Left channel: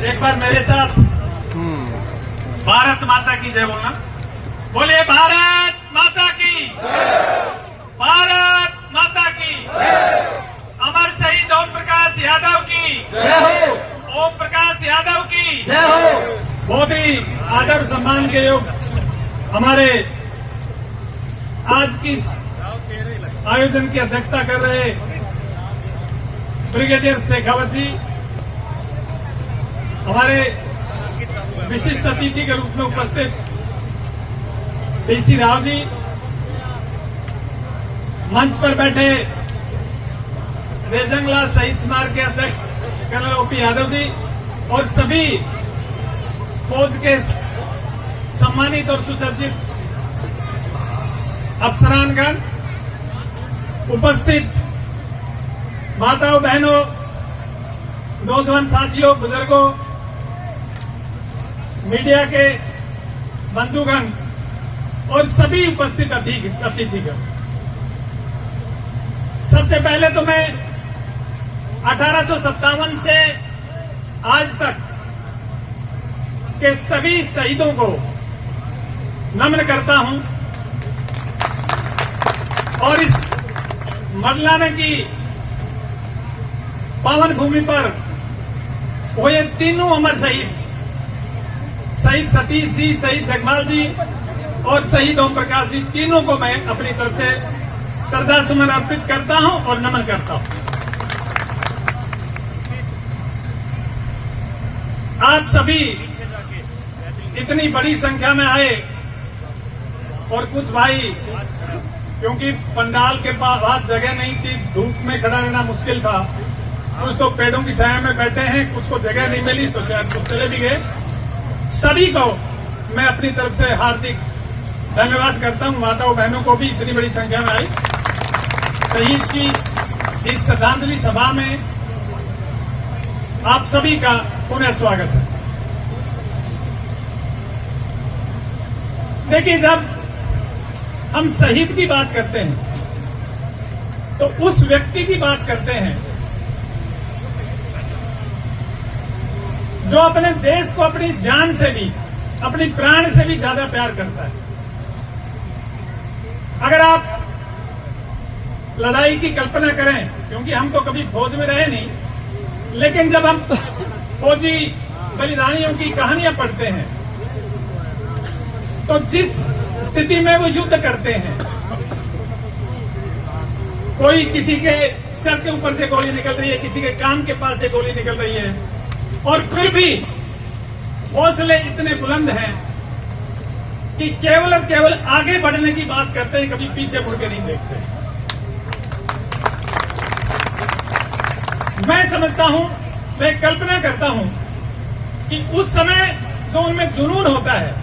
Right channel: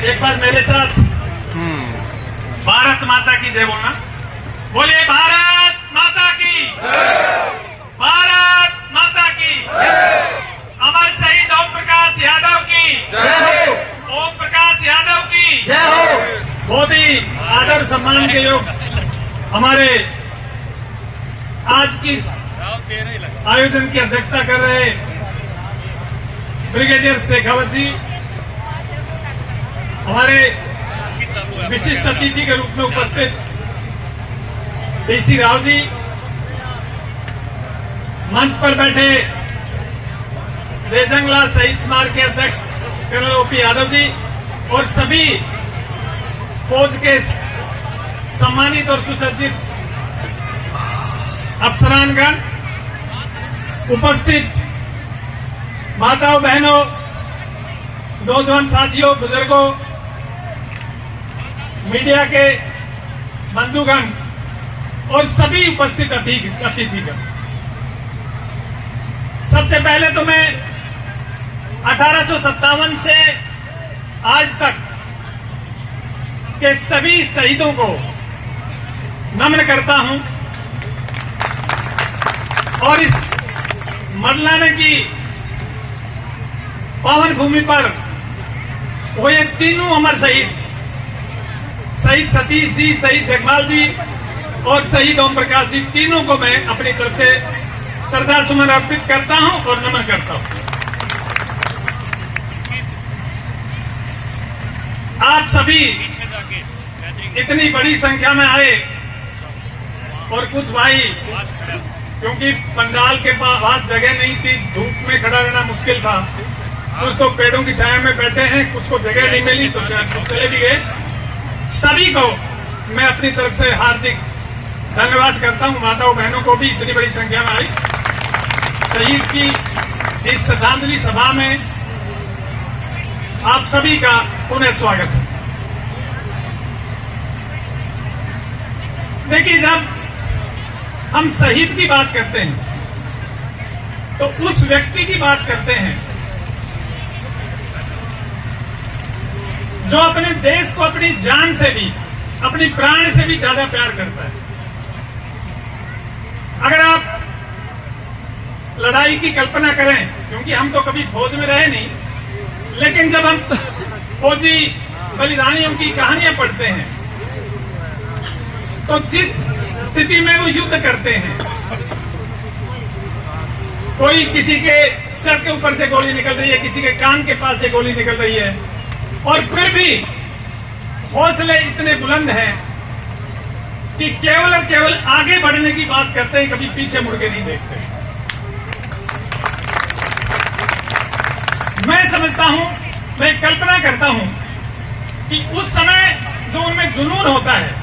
एक बार मेरे साथ भारत माता की जय बोलना। बोलिए भारत माता की, भारत माता की। अमर शहीद ओम प्रकाश यादव की, ओम प्रकाश यादव की। बहुत ही आदर सम्मान के योग हमारे आज की आयोजन की अध्यक्षता कर रहे ब्रिगेडियर शेखावत जी, हमारे विशिष्ट अतिथि के रूप में उपस्थित डीसी राव जी, मंच पर बैठे रेजंगला शहीद स्मारक के अध्यक्ष कर्नल ओपी यादव जी और सभी फौज के सम्मानित और सुसज्जित अफसरानगण, उपस्थित माताओं बहनों, नौजवान साथियों, बुजुर्गों, मीडिया के बंधुगण और सभी उपस्थित अतिथिगण। सबसे पहले तो मैं 1857 से आज तक के सभी शहीदों को नमन करता हूं और इस मरलाने की पावन भूमि पर हुए तीनों अमर शहीद, शहीद सतीश जी, शहीद जगमाल जी और शहीद ओम प्रकाश जी, तीनों को मैं अपनी तरफ से श्रद्धा सुमन अर्पित करता हूं और नमन करता हूं। आप सभी इतनी बड़ी संख्या में आए और कुछ भाई, क्योंकि पंडाल के पास जगह नहीं थी, धूप में खड़ा रहना मुश्किल था, कुछ तो पेड़ों की छाया में बैठे हैं, कुछ को जगह नहीं मिली तो शायद चले भी गए। सभी को मैं अपनी तरफ से हार्दिक धन्यवाद करता हूं। माताओं बहनों को भी इतनी बड़ी संख्या में आई शहीद की इस श्रद्धांजलि सभा में आप सभी का पुनः स्वागत है। देखिए, जब हम शहीद की बात करते हैं तो उस व्यक्ति की बात करते हैं जो अपने देश को अपनी जान से भी, अपनी प्राण से भी ज्यादा प्यार करता है। अगर आप लड़ाई की कल्पना करें, क्योंकि हम तो कभी फौज में रहे नहीं, लेकिन जब हम फौजी बलिदानियों की कहानियां पढ़ते हैं तो जिस स्थिति में वो युद्ध करते हैं, कोई किसी के सर के ऊपर से गोली निकल रही है, किसी के कान के पास से गोली निकल रही है, और फिर भी हौसले इतने बुलंद हैं कि केवल और केवल आगे बढ़ने की बात करते हैं, कभी पीछे मुड़ के नहीं देखते। मैं समझता हूं, मैं कल्पना करता हूं कि उस समय जो उनमें जुनून होता है,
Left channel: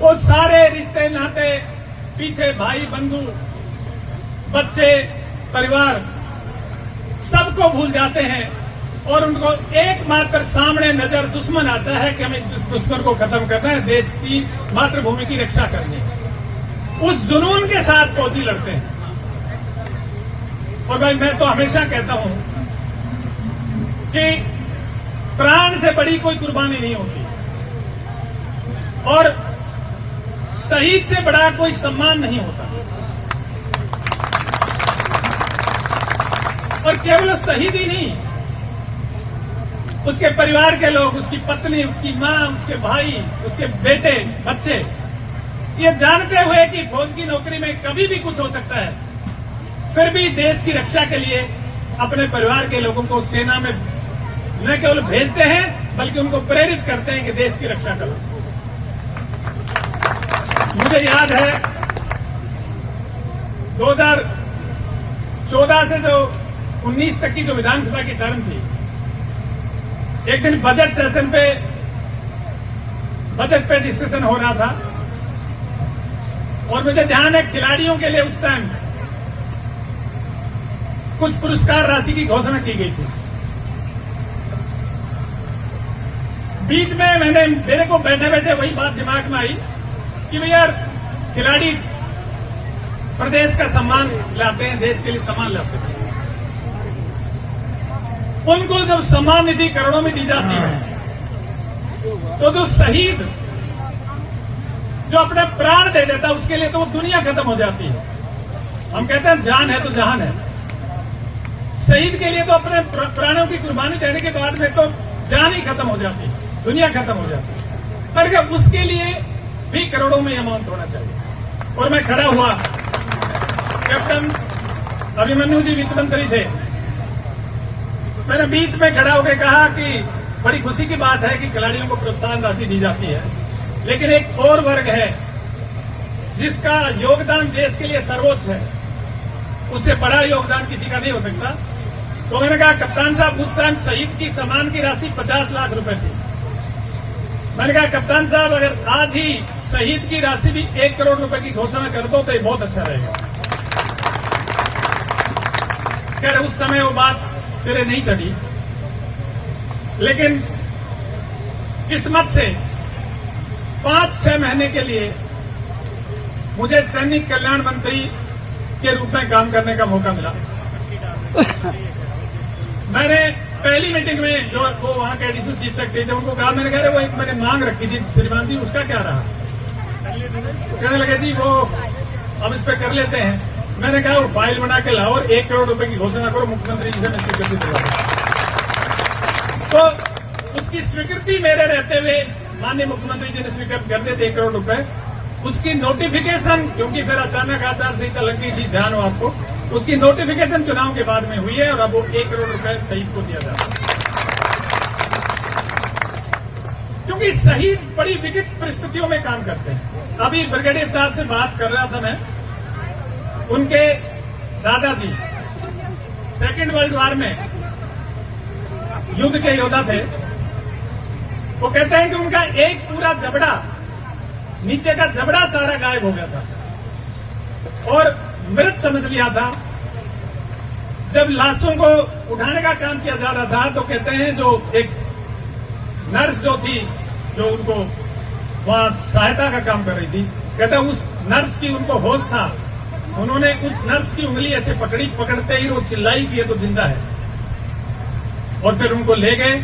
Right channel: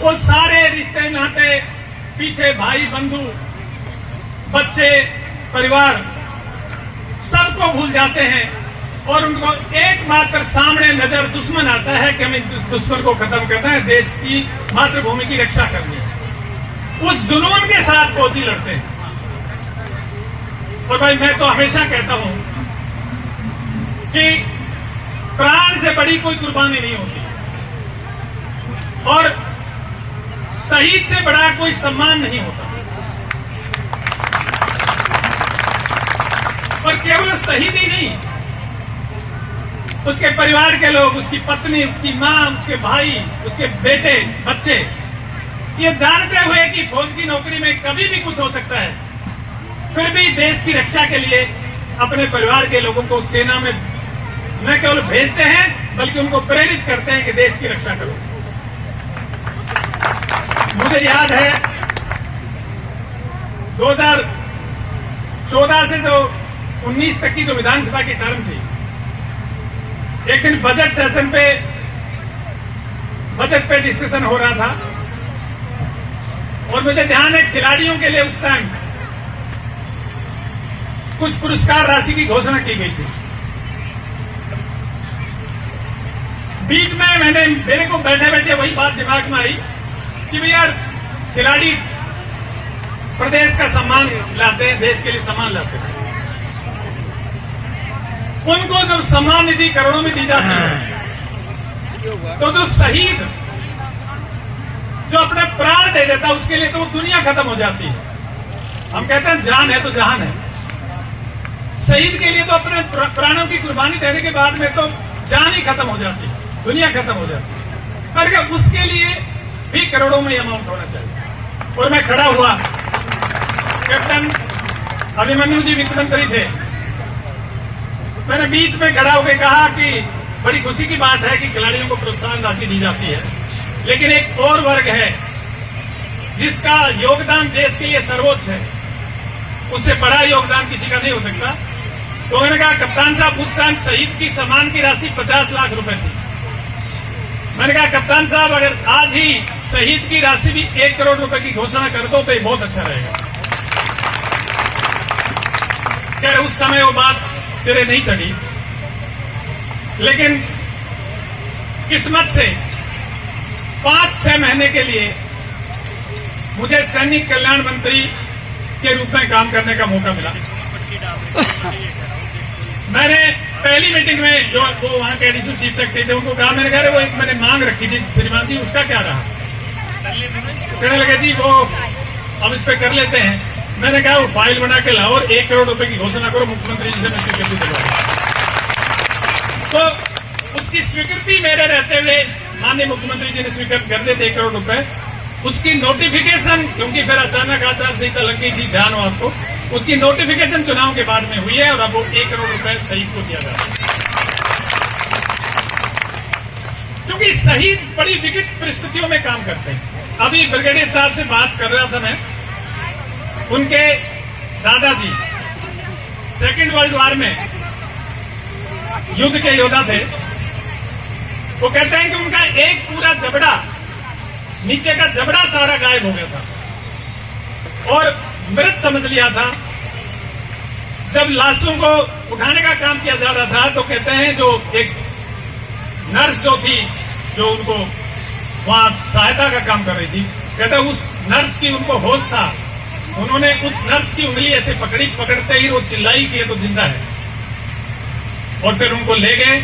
वो सारे रिश्ते नाते, पीछे भाई बंधु, बच्चे, परिवार, सबको भूल जाते हैं और उनको एकमात्र सामने नजर दुश्मन आता है कि हमें इस दुश्मन को खत्म करना है, देश की मातृभूमि की रक्षा करनी है। उस जुनून के साथ फौजी लड़ते हैं। और भाई, मैं तो हमेशा कहता हूं कि प्राण से बड़ी कोई कुर्बानी नहीं होती और शहीद से बड़ा कोई सम्मान नहीं होता। और केवल शहीद ही नहीं, उसके परिवार के लोग, उसकी पत्नी, उसकी मां, उसके भाई, उसके बेटे, बच्चे, ये जानते हुए कि फौज की नौकरी में कभी भी कुछ हो सकता है, फिर भी देश की रक्षा के लिए अपने परिवार के लोगों को सेना में न केवल भेजते हैं बल्कि उनको प्रेरित करते हैं कि देश की रक्षा करो। मुझे याद है 2014 से जो 19 तक की जो विधानसभा की टर्म थी, एक दिन बजट सेशन पे, बजट पे डिस्कशन हो रहा था और मुझे ध्यान है खिलाड़ियों के लिए उस टाइम कुछ पुरस्कार राशि की घोषणा की गई थी। बीच में मेरे को बैठे बैठे वही बात दिमाग में आई कि भैया खिलाड़ी प्रदेश का सम्मान लाते हैं, देश के लिए सम्मान लाते हैं। उनको जब सम्मान निधि करोड़ों में दी जाती है, तो जो शहीद जो अपने प्राण दे देता उसके लिए तो दुनिया खत्म हो जाती है। हम कहते हैं जान है तो जहान है। शहीद के लिए तो अपने प्राणों की कुर्बानी देने के बाद में तो जान ही खत्म हो जाती है, दुनिया खत्म हो जाती है। पर उसके लिए भी करोड़ों में अमाउंट होना चाहिए। और मैं खड़ा हुआ, कैप्टन अभिमन्यु जी वित्त मंत्री थे, मैंने बीच में खड़ा होकर कहा कि बड़ी खुशी की बात है कि खिलाड़ियों को प्रोत्साहन राशि दी जाती है, लेकिन एक और वर्ग है जिसका योगदान देश के लिए सर्वोच्च है, उससे बड़ा योगदान किसी का नहीं हो सकता। तो मैंने कहा कप्तान साहब, उस टाइम शहीद की सम्मान की राशि 50 लाख रुपए थी। मैंने कहा कप्तान साहब, अगर आज ही शहीद की राशि भी 1 करोड़ रुपए की घोषणा कर दो तो ये बहुत अच्छा रहेगा। खैर उस समय वो बात सिरे नहीं चढ़ी, लेकिन किस्मत से 5-6 महीने के लिए मुझे सैनिक कल्याण मंत्री के रूप में काम करने का मौका मिला। मैंने पहली मीटिंग में जो वो वहां के एडिशनल चीफ सेक्रेटरी थे उनको कहा, मैंने कहा वो एक मैंने मांग रखी थी श्रीमान जी, उसका क्या रहा? कहने लगे जी वो अब इस पे कर लेते हैं। मैंने कहा वो फाइल बना के लाओ और 1 करोड़ रुपए की घोषणा करो, मुख्यमंत्री जी से मैं स्वीकृति दिलवा। तो उसकी स्वीकृति मेरे रहते हुए माननीय मुख्यमंत्री जी ने स्वीकृत कर दिए 1 करोड़ रुपए। उसकी नोटिफिकेशन, क्योंकि फिर अचानक आचार संहिता लग गई थी, ध्यान हो आपको, उसकी नोटिफिकेशन चुनाव के बाद में हुई है और अब वो 1 करोड़ रुपए शहीद को दिया जा रहा है। क्योंकि शहीद बड़ी विकट परिस्थितियों में काम करते हैं। अभी ब्रिगेडियर साहब से बात कर रहा था मैं, उनके दादाजी सेकेंड वर्ल्ड वॉर में युद्ध के योद्धा थे। वो कहते हैं कि उनका एक पूरा जबड़ा, नीचे का जबड़ा सारा गायब हो गया था और मृत समझ लिया था। जब लाशों को उठाने का काम किया जा रहा था तो कहते हैं जो एक नर्स जो थी, जो उनको वहां सहायता का काम कर रही थी, कहते हैं उस नर्स की उनको होश था, उन्होंने उस नर्स की उंगली ऐसे पकड़ी, पकड़ते ही वो चिल्लाई कि ये तो जिंदा है, और फिर उनको ले गए।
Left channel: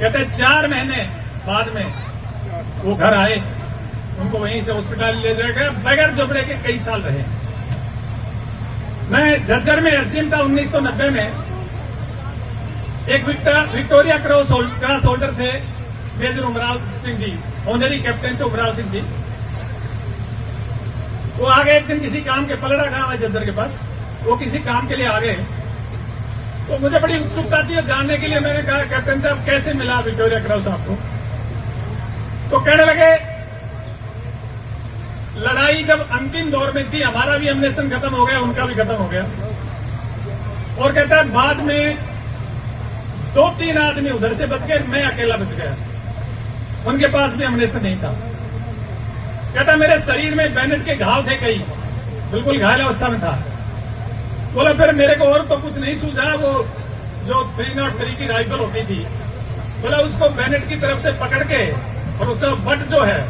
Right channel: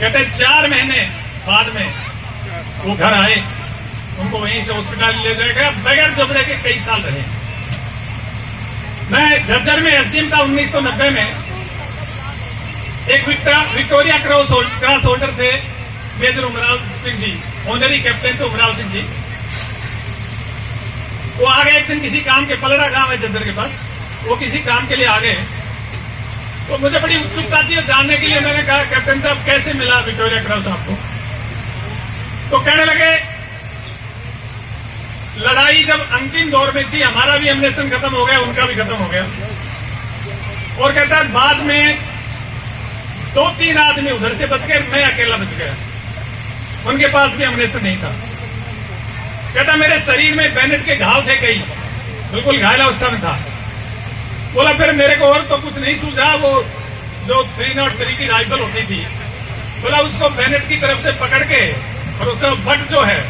कहते 4 महीने बाद में वो घर आए, उनको वहीं से हॉस्पिटल ले जाया गया, बगैर जबड़े के कई साल रहे। मैं झज्जर में एसडीएम था 1990 में। एक विक्टोरिया क्रॉस होल्डर थे major Umrao Singh ji, honorary captain थे उमराव सिंह जी। वो आ गए एक दिन किसी काम के, पलड़ा गांव है झज्जर के पास, वो किसी काम के लिए आ गए। तो मुझे बड़ी उत्सुकता थी जानने के लिए। मैंने कहा कैप्टन साहब कैसे मिला विक्टोरिया क्रॉस आपको? तो कहने लगे लड़ाई जब अंतिम दौर में थी, हमारा भी एमिनेशन खत्म हो गया, उनका भी खत्म हो गया, और कहता है बाद में 2-3 आदमी उधर से बच गए, मैं अकेला बच गया, उनके पास भी एमिनेशन नहीं था। कहता मेरे शरीर में बैनेट के घाव थे कई, बिल्कुल घायल अवस्था में था। बोला फिर मेरे को और तो कुछ नहीं सूझा, वो जो 303 की राइफल होती थी, बोला उसको बैनेट की तरफ से पकड़ के और उसका बट जो है,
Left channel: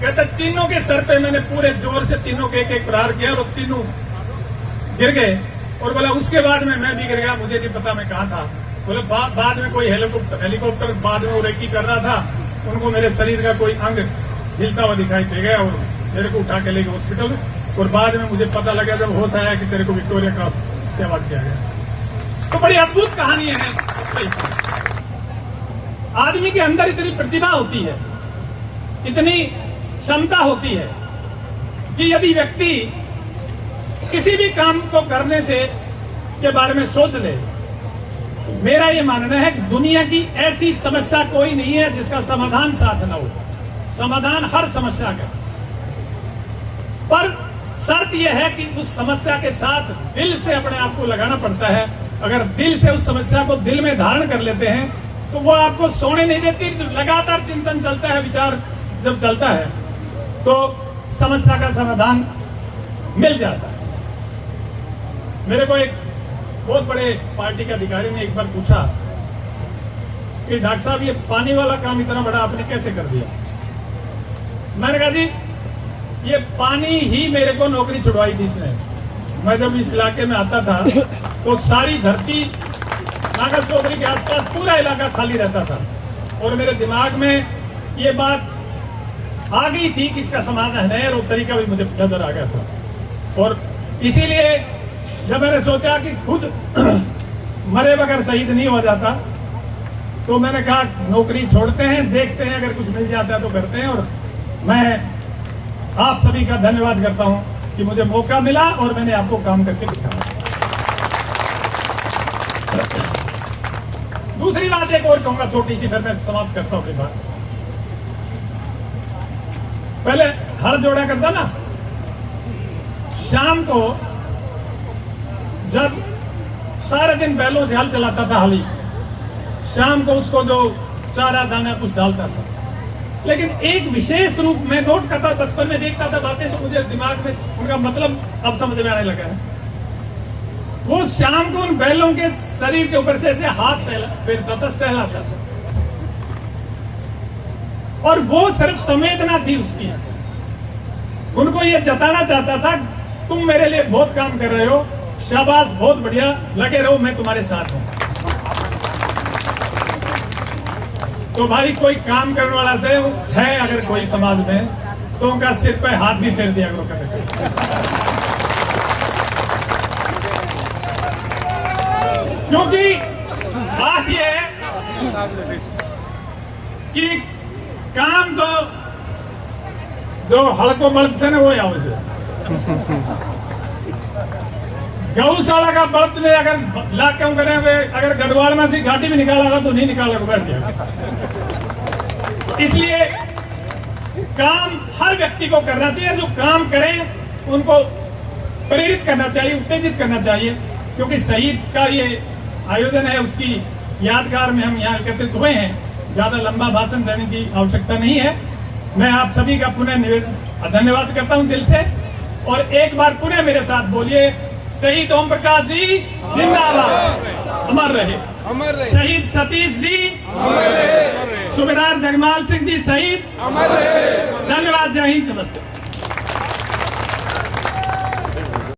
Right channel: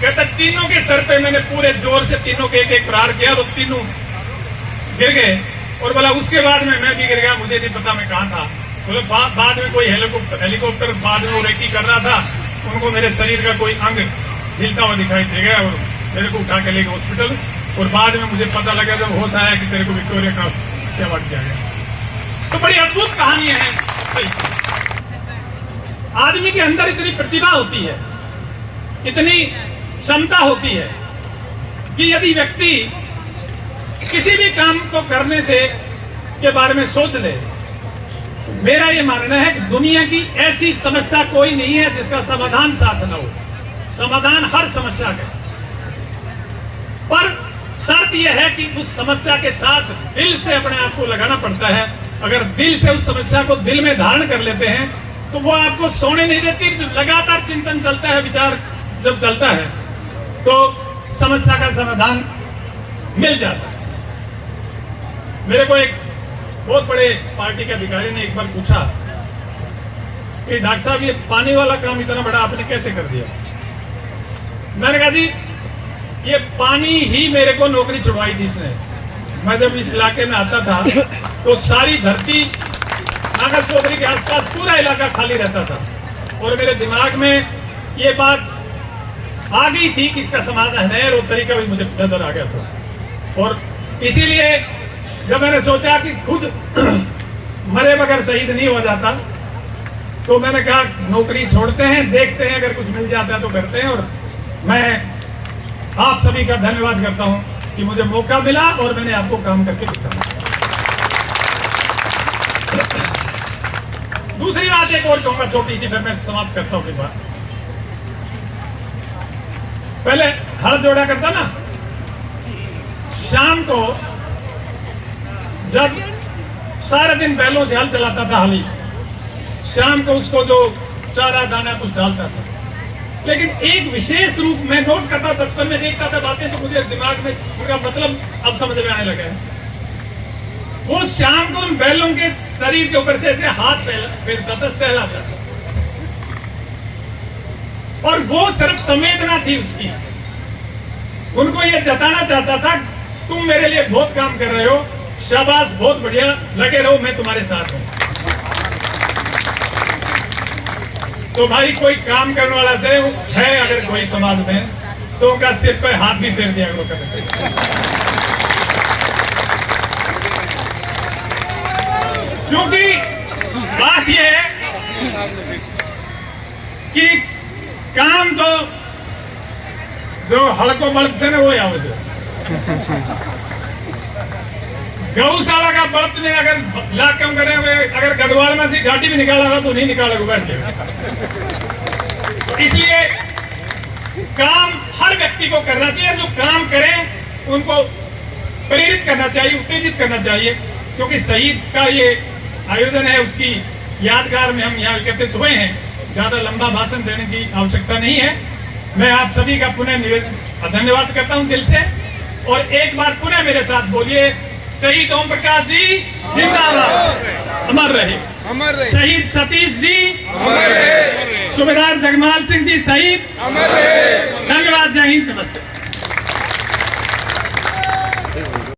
कहता तीनों के सर पे मैंने पूरे जोर से तीनों के एक प्रहार किया और तीनों गिर गए। और बोला उसके बाद में मैं भी गिर गया, मुझे नहीं पता मैं कहाँ था। बोले बाद में कोई हेलीकॉप्टर बाद में वो रेकी कर रहा था, उनको मेरे शरीर का कोई अंग हिलता हुआ दिखाई दे गया और मेरे को उठा के ले गए हॉस्पिटल। और बाद में मुझे पता लगा जब होश आया कि तेरे को विक्टोरिया क्रॉस से अवार्ड किया गया। तो बड़ी अद्भुत कहानियां हैं। आदमी के अंदर इतनी प्रतिभा होती है, इतनी क्षमता होती है कि यदि व्यक्ति किसी भी काम को करने से के बारे में सोच ले, तो मेरा ये मानना है कि दुनिया की ऐसी समस्या कोई नहीं है जिसका समाधान साथ न हो। समाधान हर समस्या का, पर शर्त यह है कि उस समस्या के साथ दिल से अपने आप को लगाना पड़ता है। अगर दिल से उस समस्या को दिल में धारण कर लेते हैं तो वो आपको सोने नहीं देती। लगातार चिंतन चलता है, विचार जब चलता है तो समस्या का समाधान मिल जाता है। मेरे को एक बहुत बड़े पार्टी के अधिकारी ने एक बार पूछा कि डॉक्टर साहब ये पानी वाला काम इतना बड़ा आपने कैसे कर दिया? मैंने कहा जी ये पानी ही मेरे को नौकरी छुड़वाई थी इसने। मैं जब इस इलाके में आता था तो सारी धरती नागर चौधरी के आसपास पूरा इलाका खाली रहता था और मेरे दिमाग में ये बात आ गई थी कि इसका समाधान है और तरीका भी मुझे नजर आ गया था। और इसीलिए जब मैंने सोचा कि खुद मरे बगैर शहीद नहीं हो जाता, तो मैंने कहा नौकरी छोड़ते हैं, देखते हैं अगर कुछ मिल जाता है तो करते हैं। और मैं आप सभी का धन्यवाद करता हूं कि मुझे मौका मिला और मैंने आपको काम करके दिखाया। दूसरी बात एक और कहूंगा छोटी सी, फिर मैं समाप्त करता हूं कि बात। पहले हल जोड़ा करता ना, शाम को जब सारे दिन बैलों से हल चलाता था हली, शाम को उसको जो चारा दाना कुछ डालता था, लेकिन एक विशेष रूप में नोट करता, बचपन में देखता था बातें तो मुझे दिमाग में उनका मतलब अब समझ में आने लगा है। वो शाम को उन बैलों के शरीर के ऊपर से ऐसे हाथ फेरता था, सहलाता था, और वो सिर्फ संवेदना थी उसकी। उनको ये जताना चाहता था तुम मेरे लिए बहुत काम कर रहे हो, शाबाश, बहुत बढ़िया, लगे रहो, मैं तुम्हारे साथ हूं। तो भाई कोई काम करने वाला से है अगर कोई समाज में, तो उनका सिर पे हाथ भी फेर दिया करो। क्योंकि बात यह है कि काम तो जो हड़को बल्ब से ना वो या उसे गौशाला का बल्ब ने अगर ला क्यों करेंगे, अगर गढ़वाल में से घाटी भी निकालेगा तो नहीं निकालेगा, बैठ जाएगा। इसलिए काम हर व्यक्ति को करना चाहिए, जो काम करें उनको प्रेरित करना चाहिए, उत्तेजित करना चाहिए, क्योंकि शहीद का ये आयोजन है, उसकी यादगार में हम यहाँ एकत्रित हुए हैं। ज्यादा लंबा भाषण देने की आवश्यकता नहीं है। मैं आप सभी का पुनः धन्यवाद करता हूं दिल से, और एक बार पुनः मेरे साथ बोलिए, शहीद ओम प्रकाश जी जिंदाबाद, अमर रहे। शहीद सतीश जी अमर रहे। सूबेदार जगमाल सिंह जी शहीद अमर रहे। धन्यवाद, जय हिंद, नमस्ते।